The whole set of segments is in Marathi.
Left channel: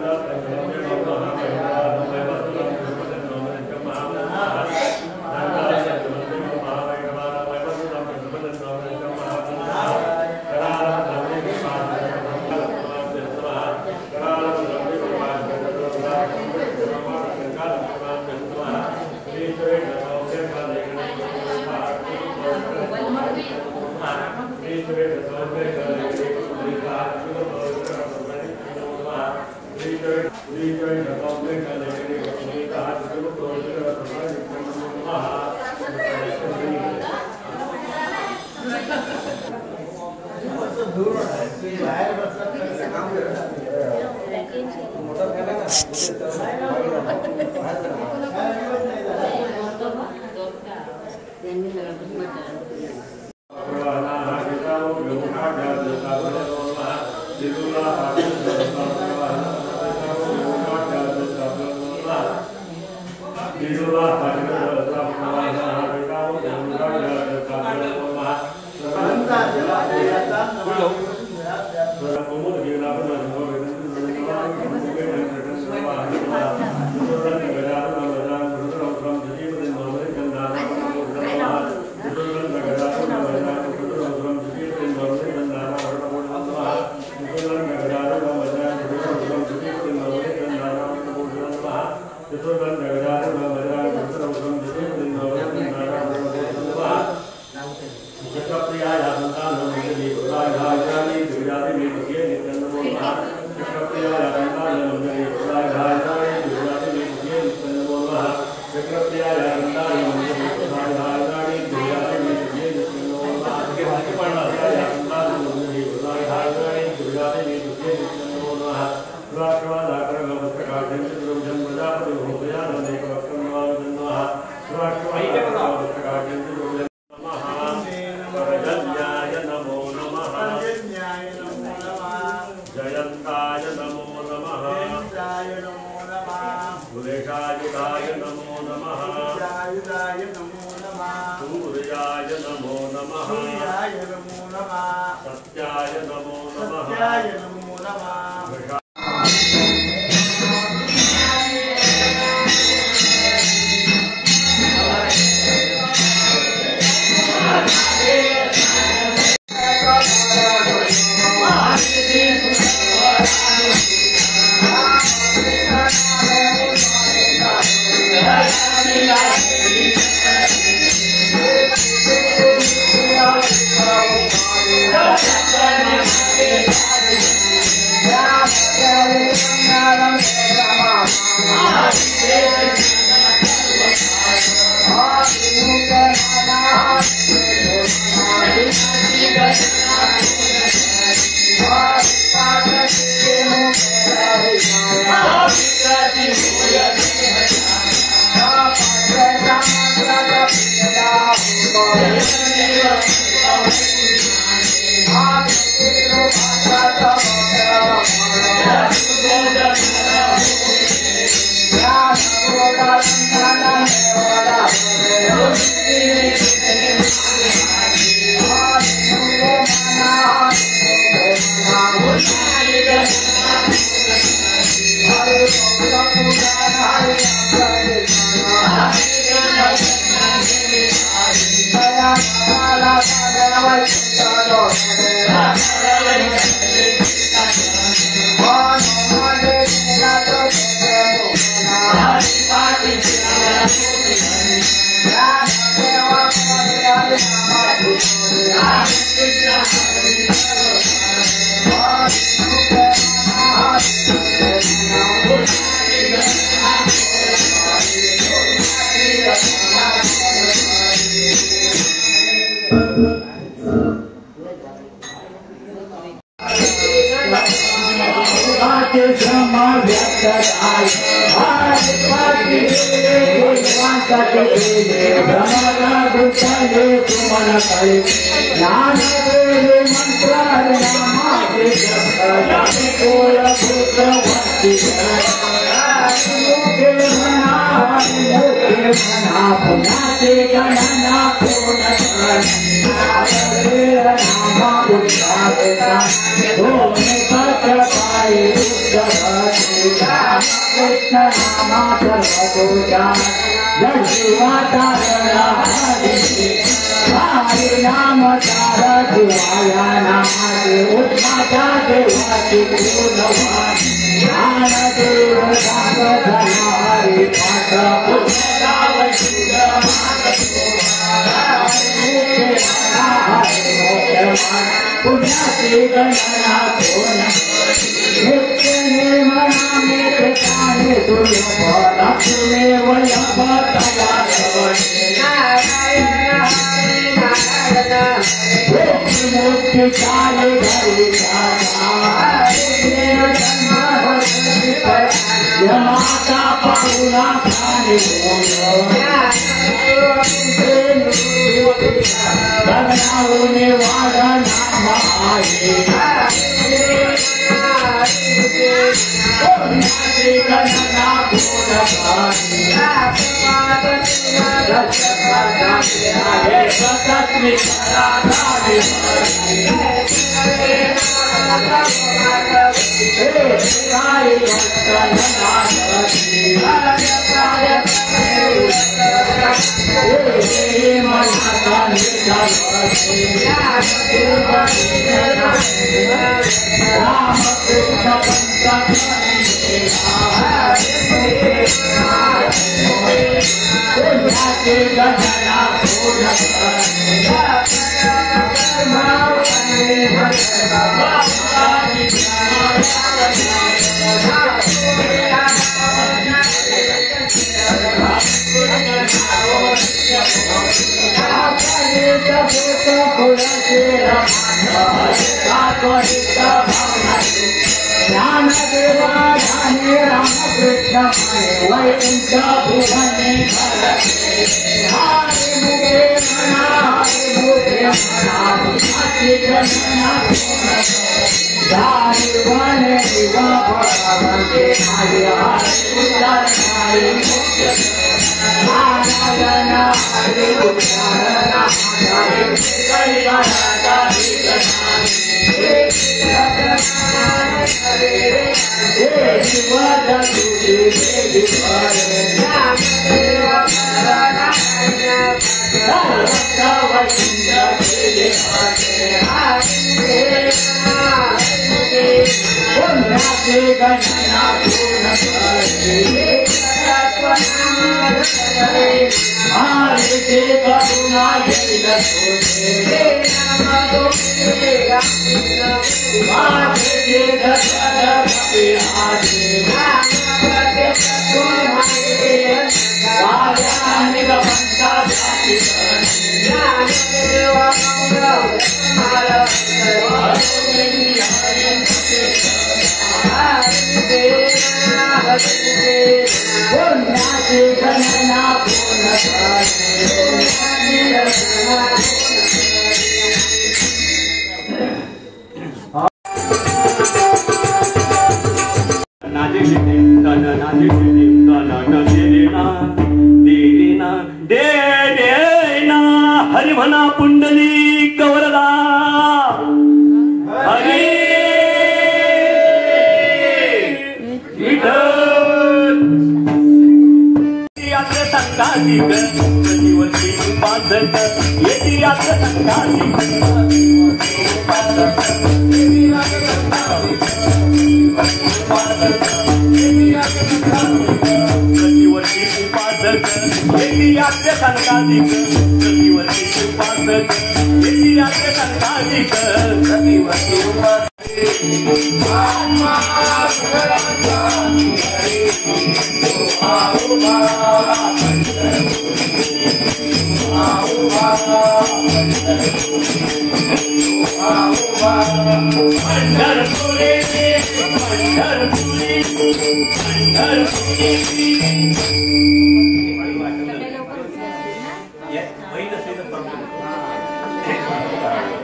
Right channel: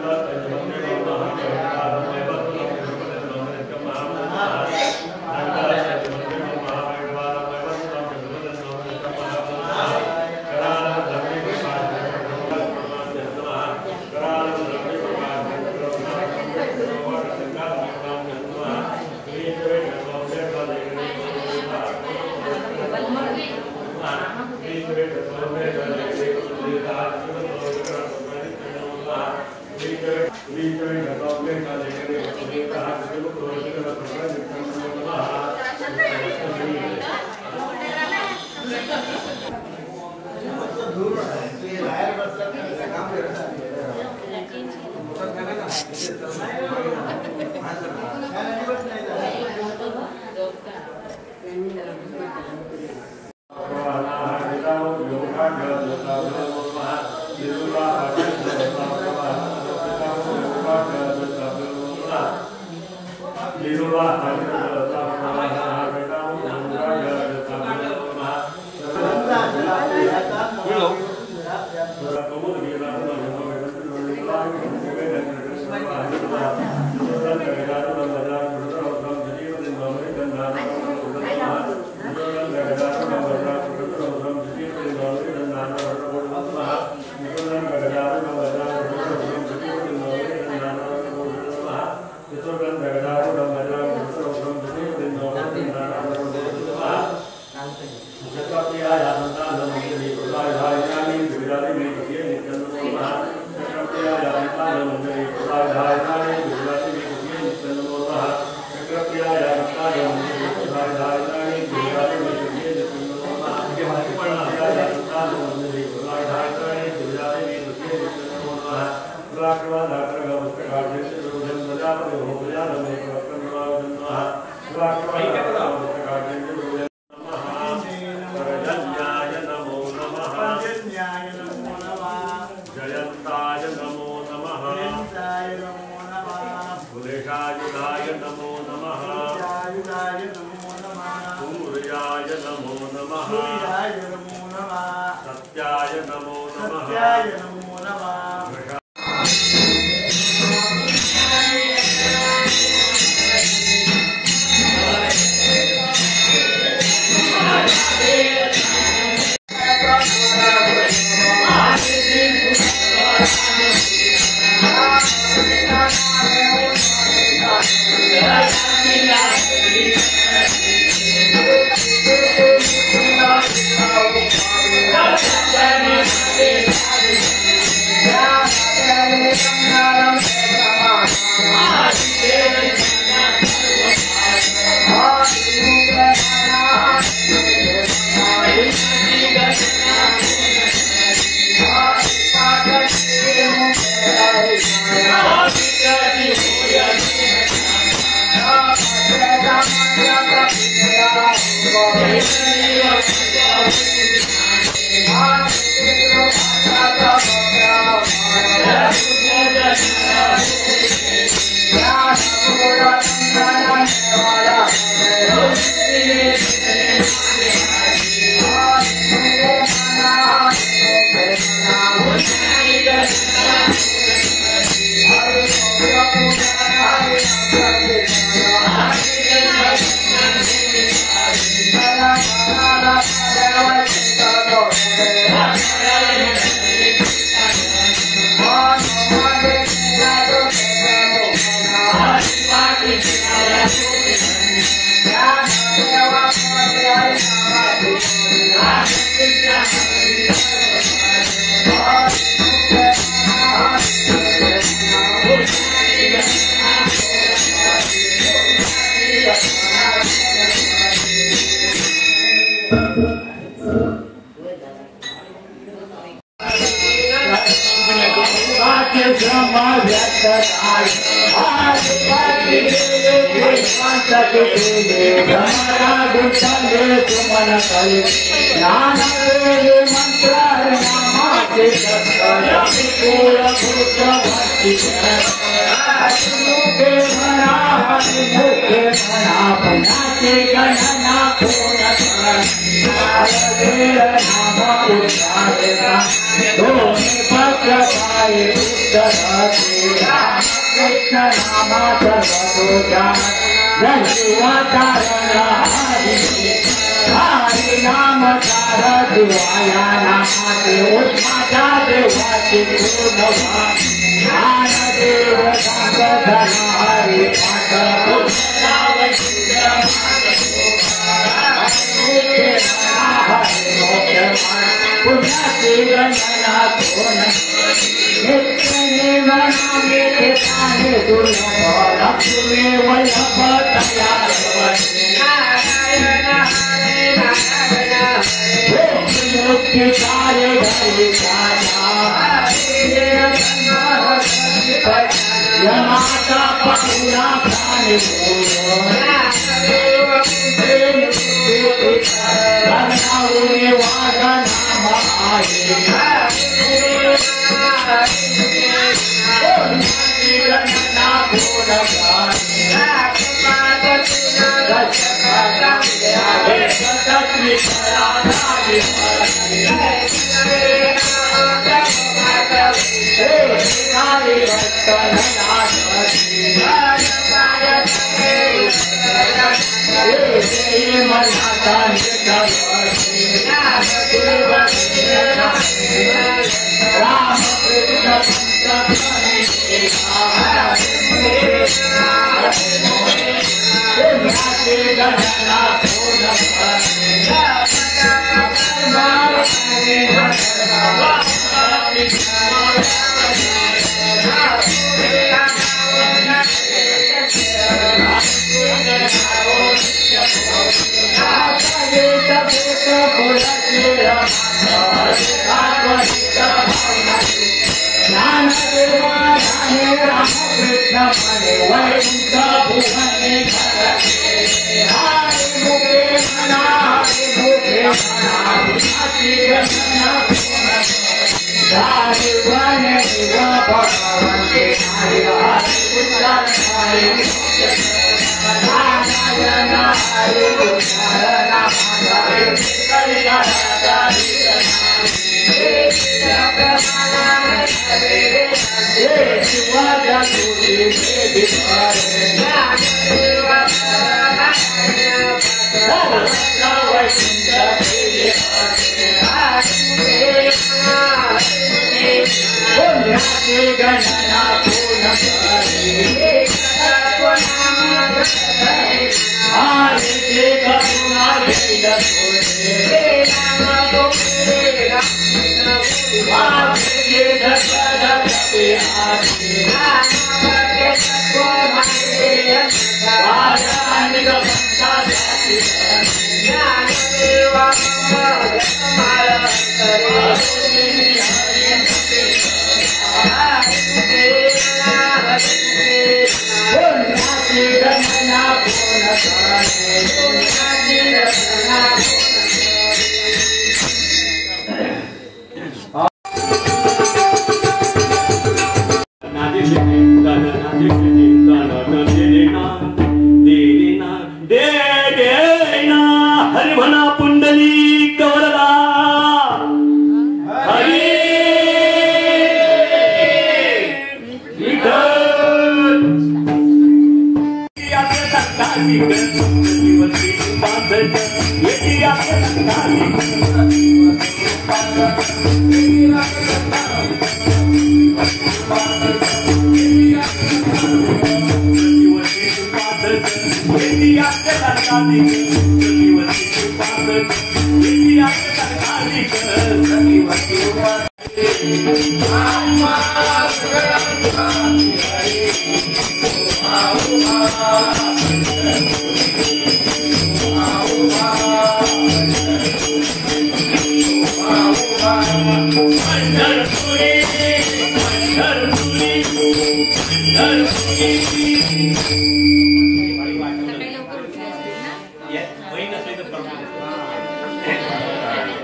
Oh,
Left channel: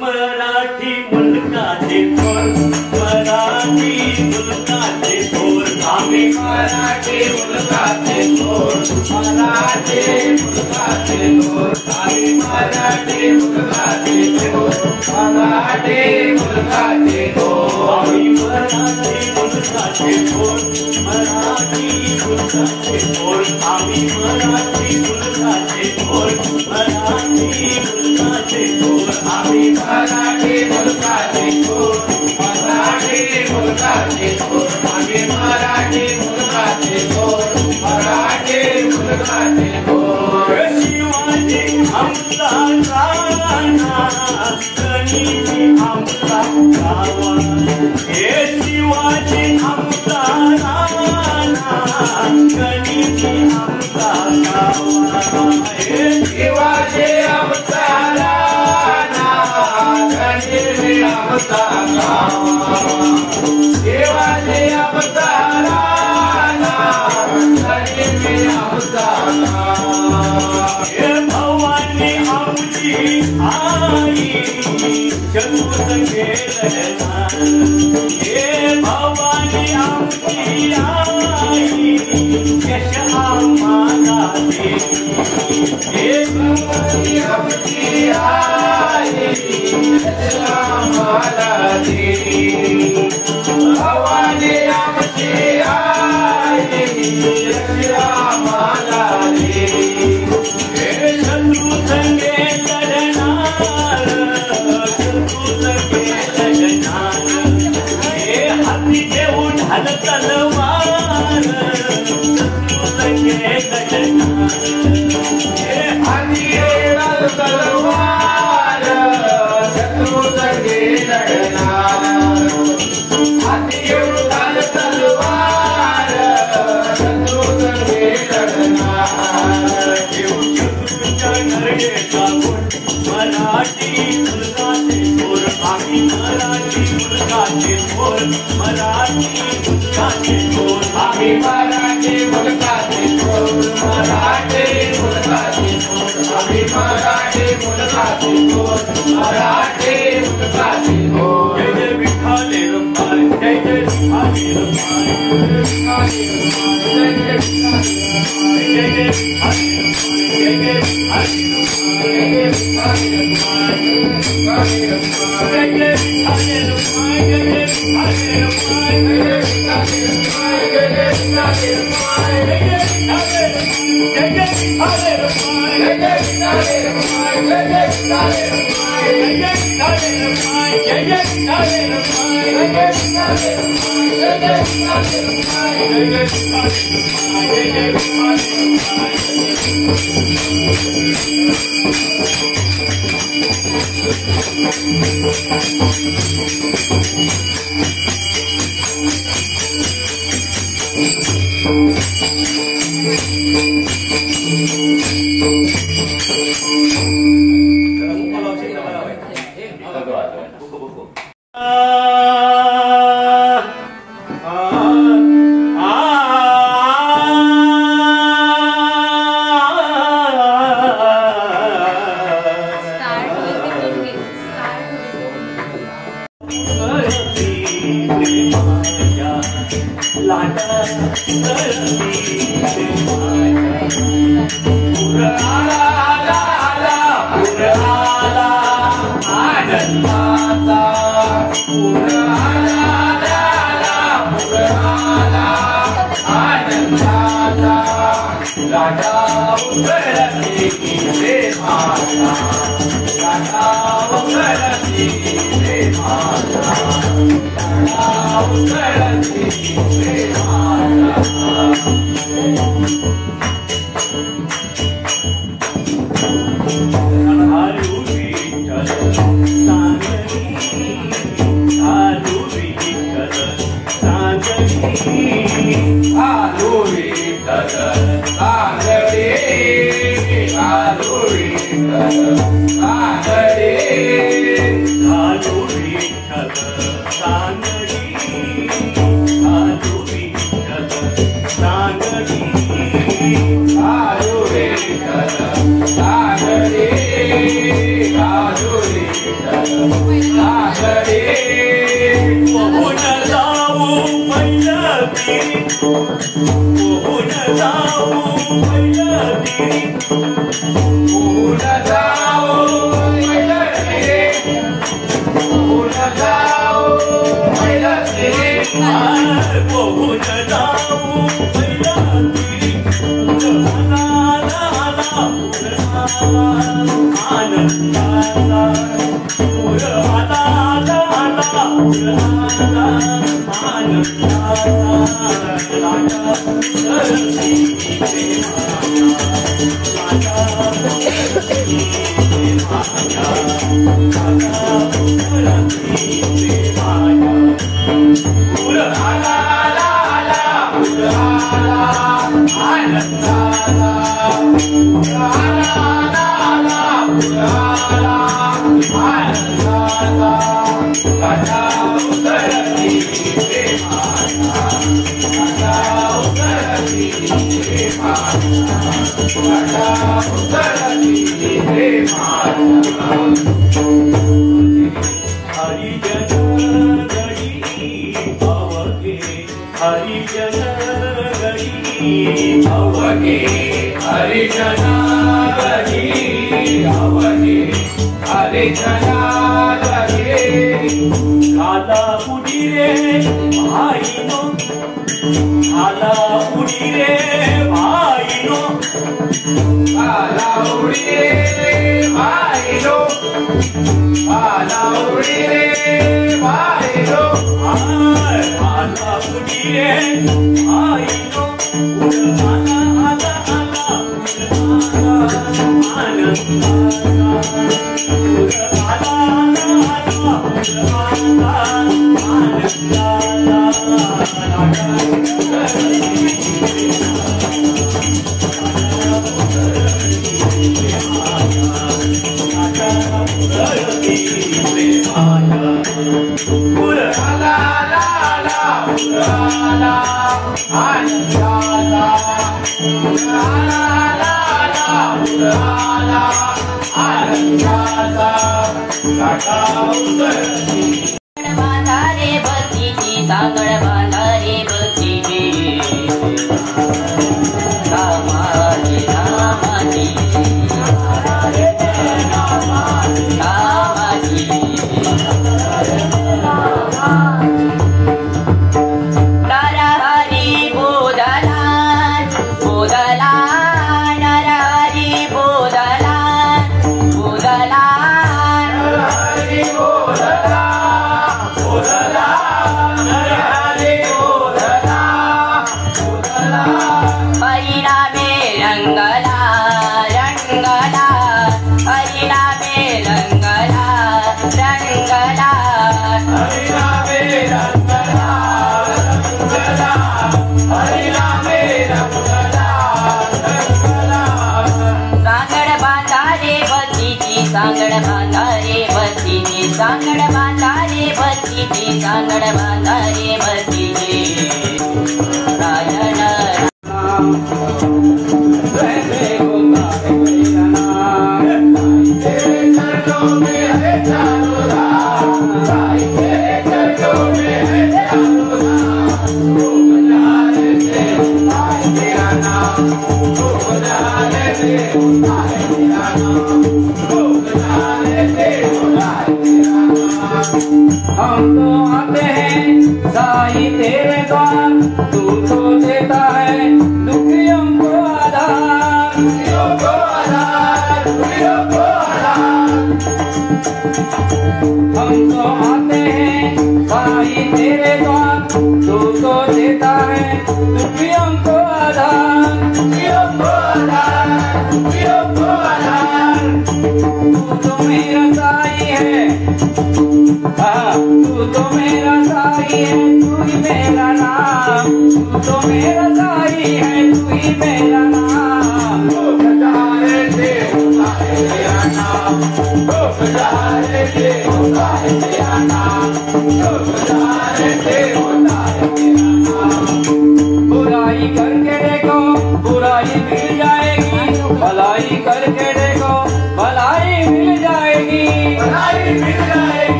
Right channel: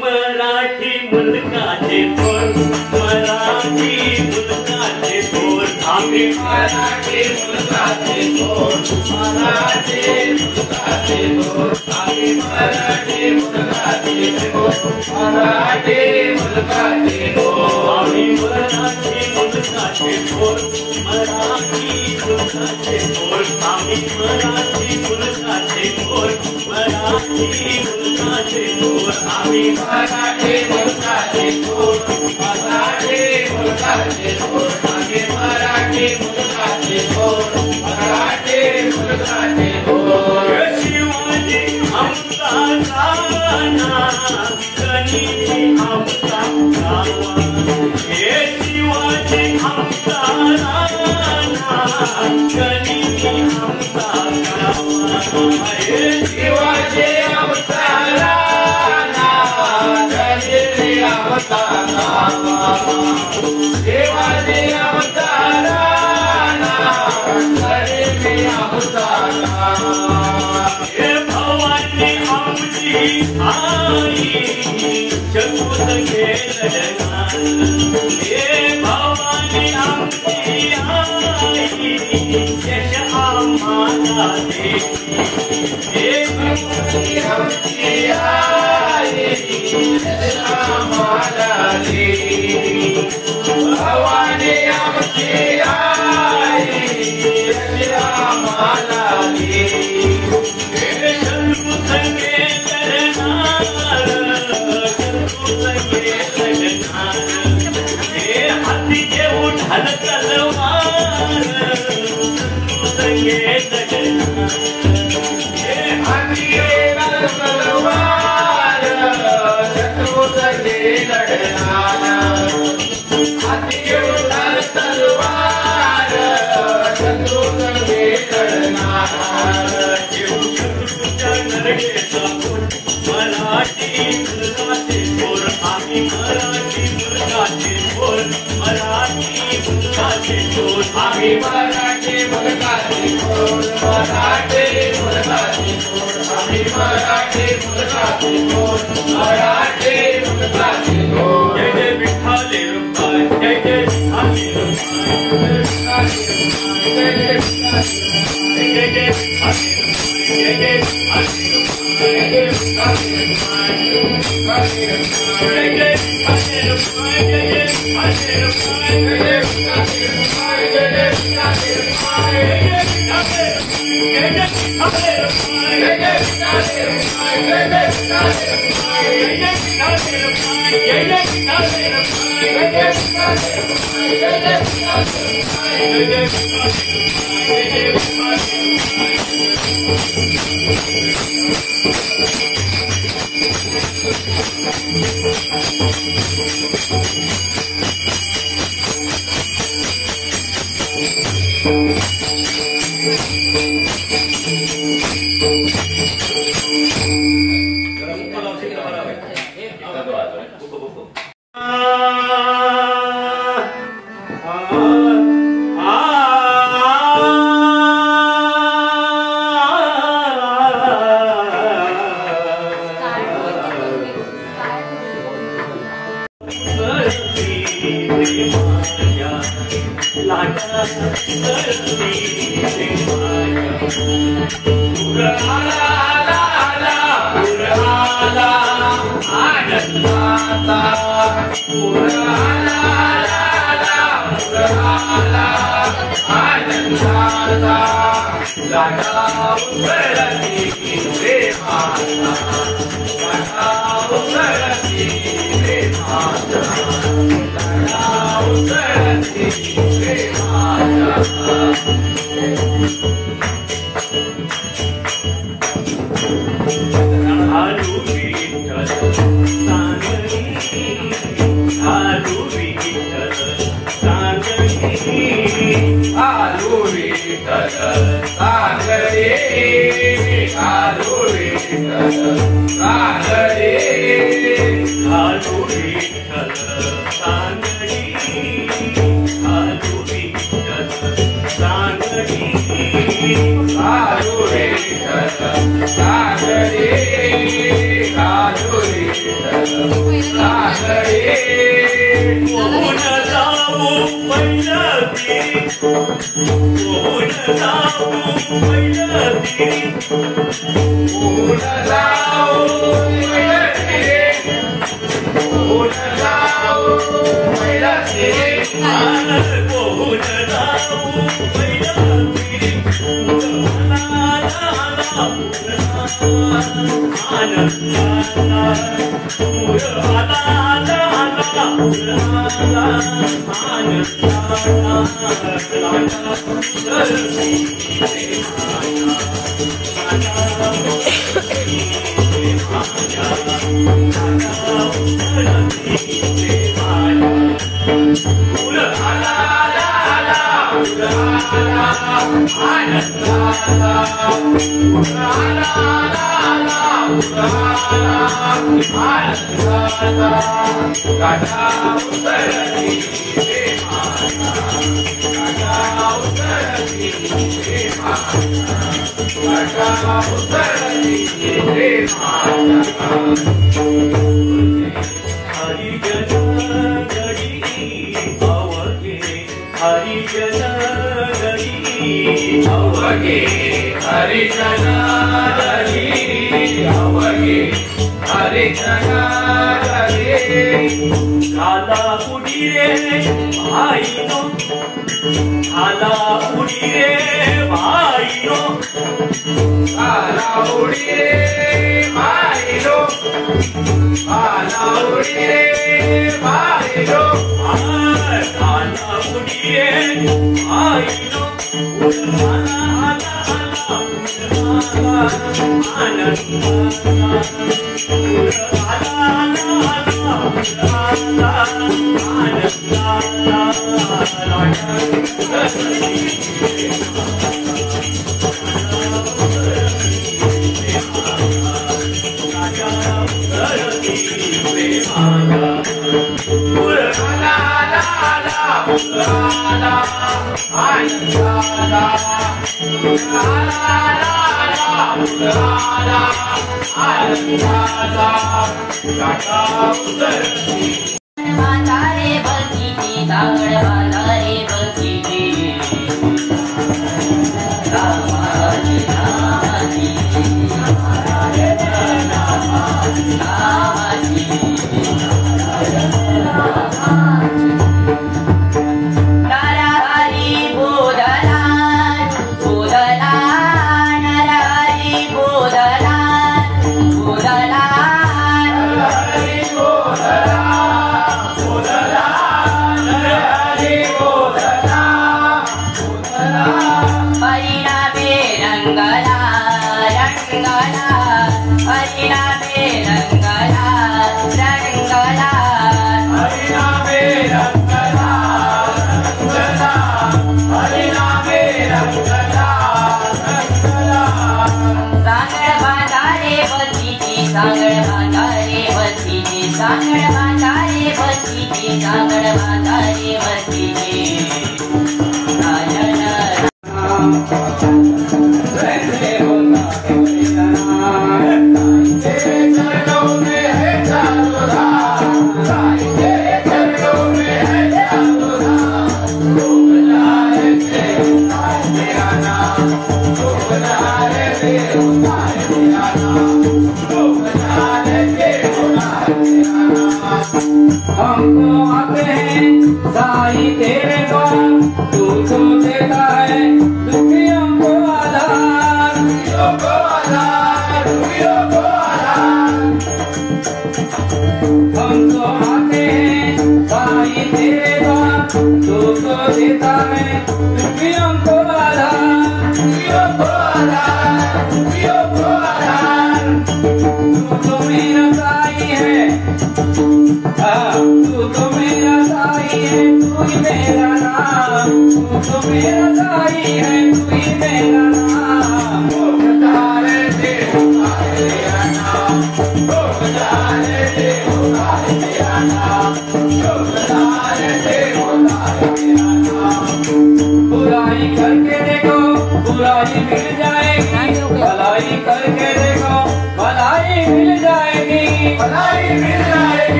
मराठी मुलगाचे बोल मराठी मुलगाचे बोल आम्ही मराठी मुलगाचे बोल मराठी मुलगाचे बोल आम्ही मराठी मुलगाचे बोल मराठी मुलगाचे बोल आम्ही मराठी मुलगाचे बोल मराठी मुलगाचे बोल शिवाजी आमचा गाणा गणिती आमचा गावा हे शिवाजी आमचा राणा गणिती आमचा गावा हे शिवाजी आमचा राणा गणिती आमचा गावा शिवाजी आमचा राणा गणिती आमचा गावा हे भवानी आमची आई जगून गेलं हे भवानी आमची आई यश आम्हाला देती हे भवानी आमची आई यश आम्हाला देती भवानी आमची आई यश आम्हाला देती हे जगून गेलं हाती घेऊन ढाल तलवार हाती घेऊन तलवार शत्रूचे लढणार हाती घेऊन ढाल तलवार शत्रूचे लढणार घेऊन शत्रूच्या नरडेचा मराठी मुलगाचे बोल आम्ही मराठी मुलगाचे बोल मराठी मुलगाचे बोल आम्ही मराठी मुलगाचे बोल मराठी मुलगाचे बोल आम्ही मराठी मुलगाचे बोल मराठी मुलगाचे बोल जय जय विठ्ठल रुक्माई जय जय विठ्ठल रुक्माई जय जय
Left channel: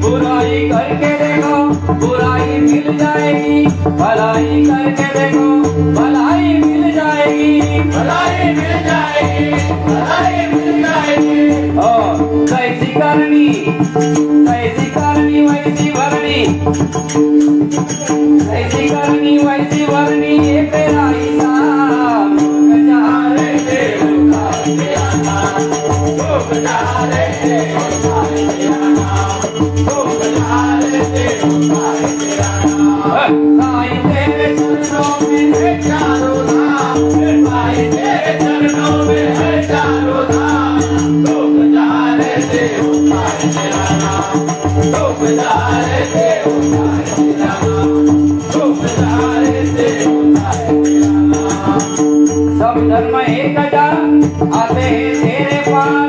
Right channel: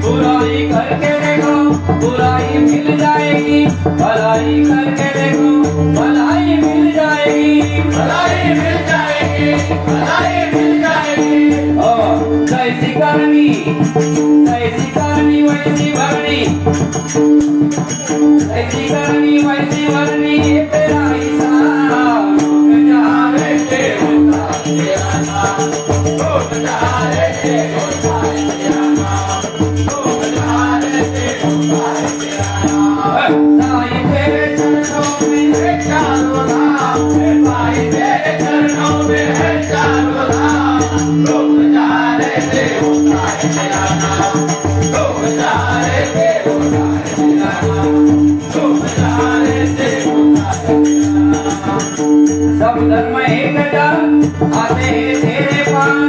बुराई करके देखो बुराई ऐसी करनी वैसी करनी तेरा हिसाब बजारे के होता तेरा नाम तो बजारे के होता है तेरा नाम तो बजारे के होता है तेरा नाम साईं तेरे चरणों में है चारों धाम साईं तेरे चरणों में है चारों धाम तो बजारे के होता है तेरा नाम तो बजारे के होता है तेरा नाम तो बजारे के होता है तेरा नाम सब धर्म एक जा आते हैं तेरे पास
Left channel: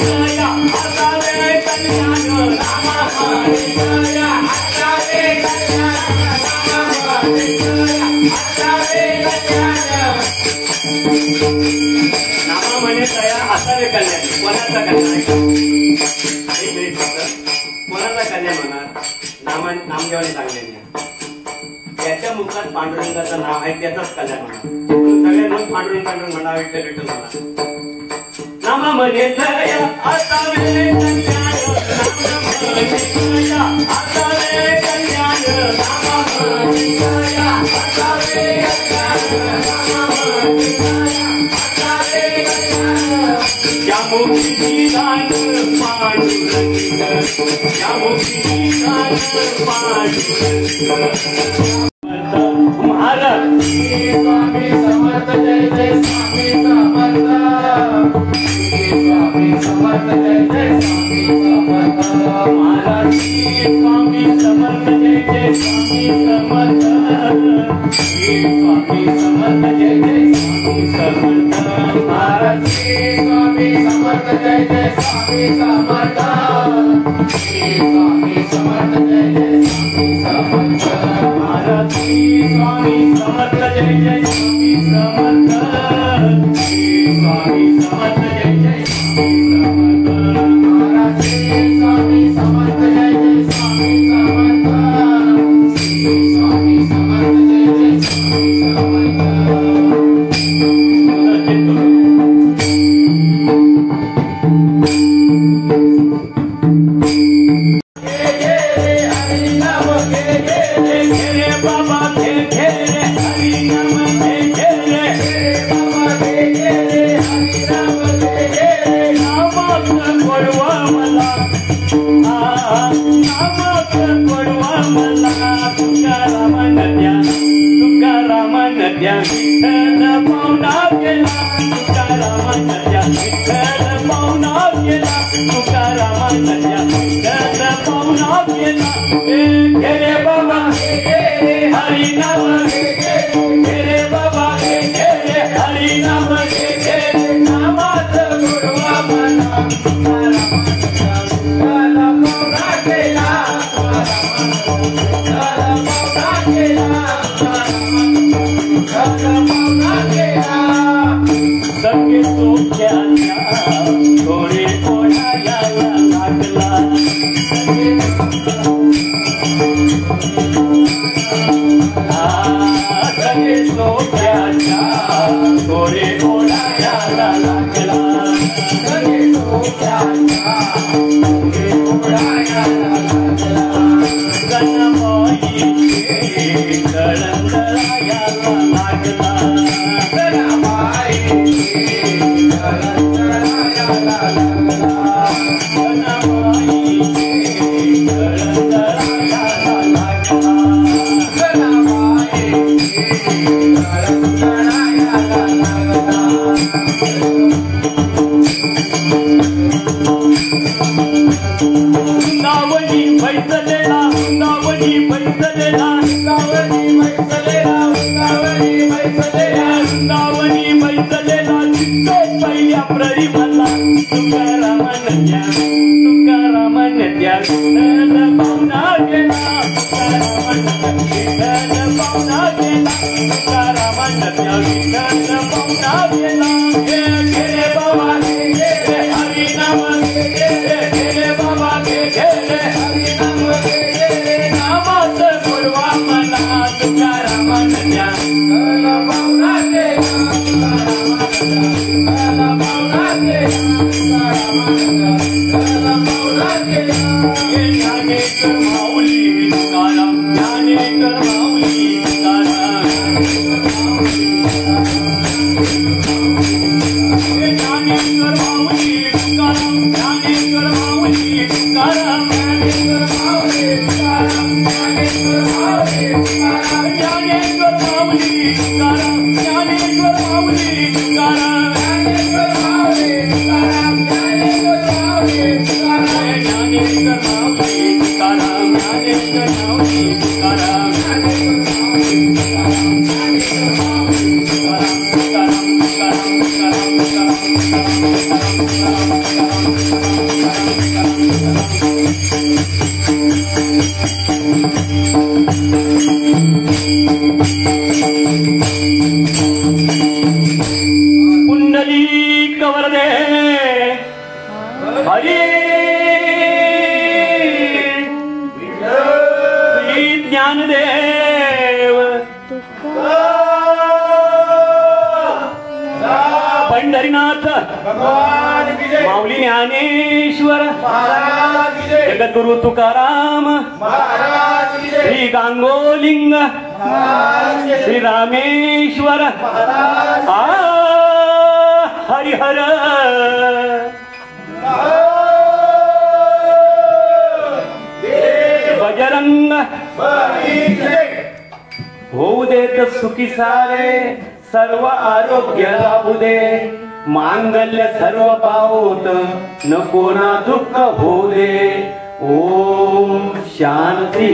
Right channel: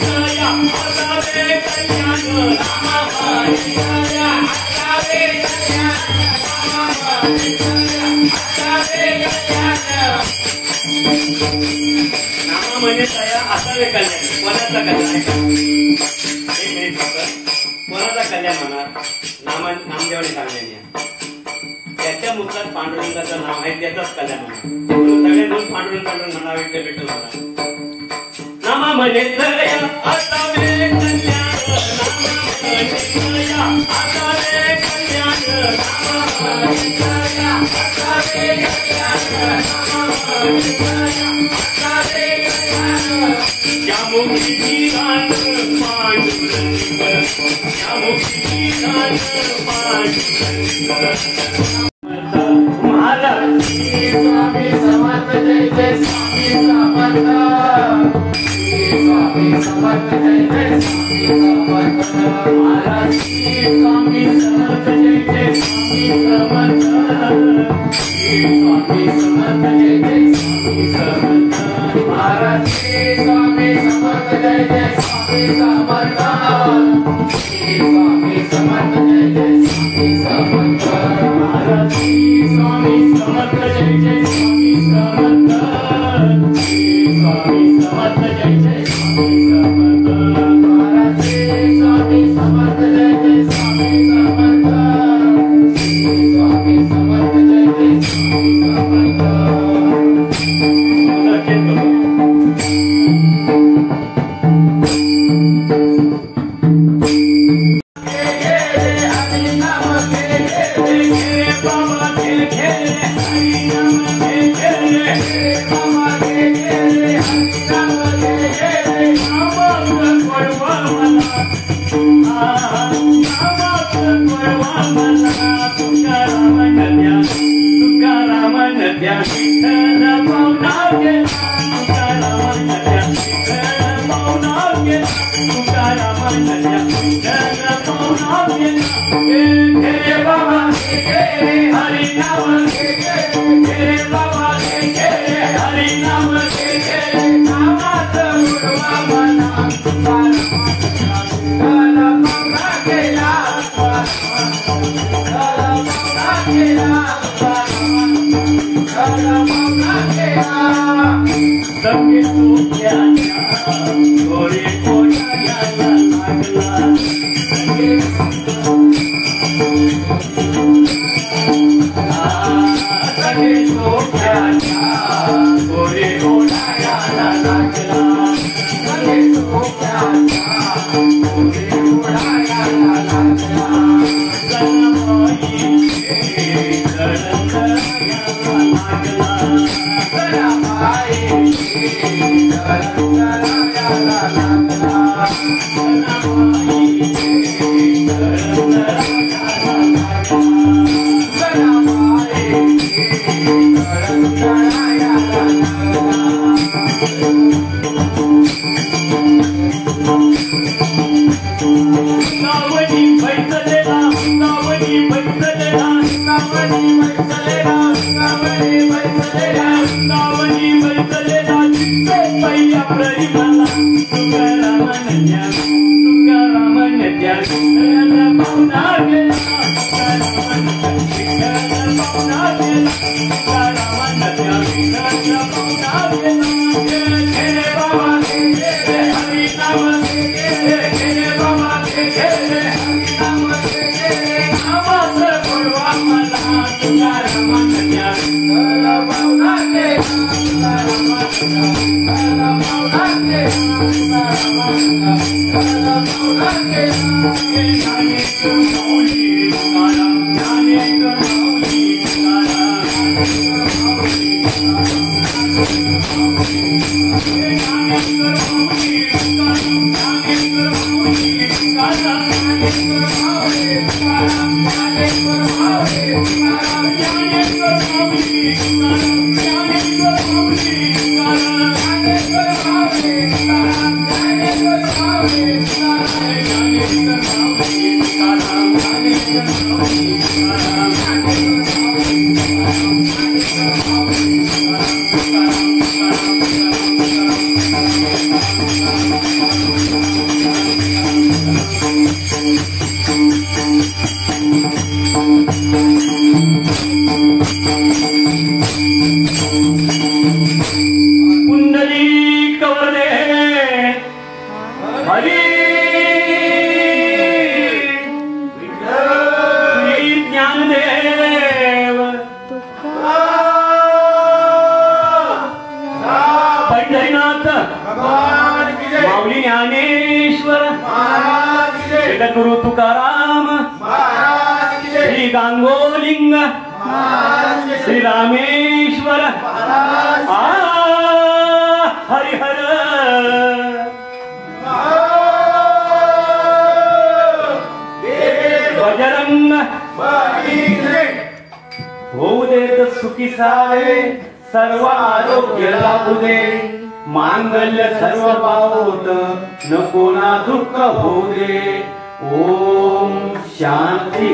Hare म्हणजे हाताला कल्याण कोणाचा कल्याण एक मिनिट फक्त कोणाचा कल्याण होणार नामदेवाने सांगितले त्याच्या मुखात पांडुरंगाचं नाव आहे त्याचाच कल्याण होणार सगळे म्हणून पांडुरंग पांडुरंग म्हणा विठ्ठल विठ्ठल म्हणा नाम म्हणे आता स्वामी समर्थ जय जय स्वामी समर्थ स्वामी समर्थ जय जय स्वामी समर्थ महाराज स्वामी समर्थ जय जय स्वामी समर्थ स्वामी समर्थ जय जय स्वामी समर्थ महाराज स्वामी समर्थ जय जय स्वामी समर्थ स्वामी समर्थ जय जय स्वामी समर्थ महाराज स्वामी समर्थ जय जय स्वामी समर्थ स्वामी समर्थ जय जय स्वामी समर्थ महाराज स्वामी समर्थ जय जय स्वामी समर्थ स्वामी समर्थ जय जय स्वामी समर्थ Thank you. हरी श्री ज्ञानदेव पंढरीनाथ भगवान की जय माऊली ज्ञानेश्वर महाराज की जय जगद्गुरु तुकाराम महाराज की जय श्री गांगोलिंग महाराज की जय श्री रामेश्वर महाराज हरिहर बजरंग बली की जय होऊ देत सुखी सारे सर्व आरोग्य लाभू दे मांगल्य सर्व पावोत नको ना दुःख होऊ दे ओम शांती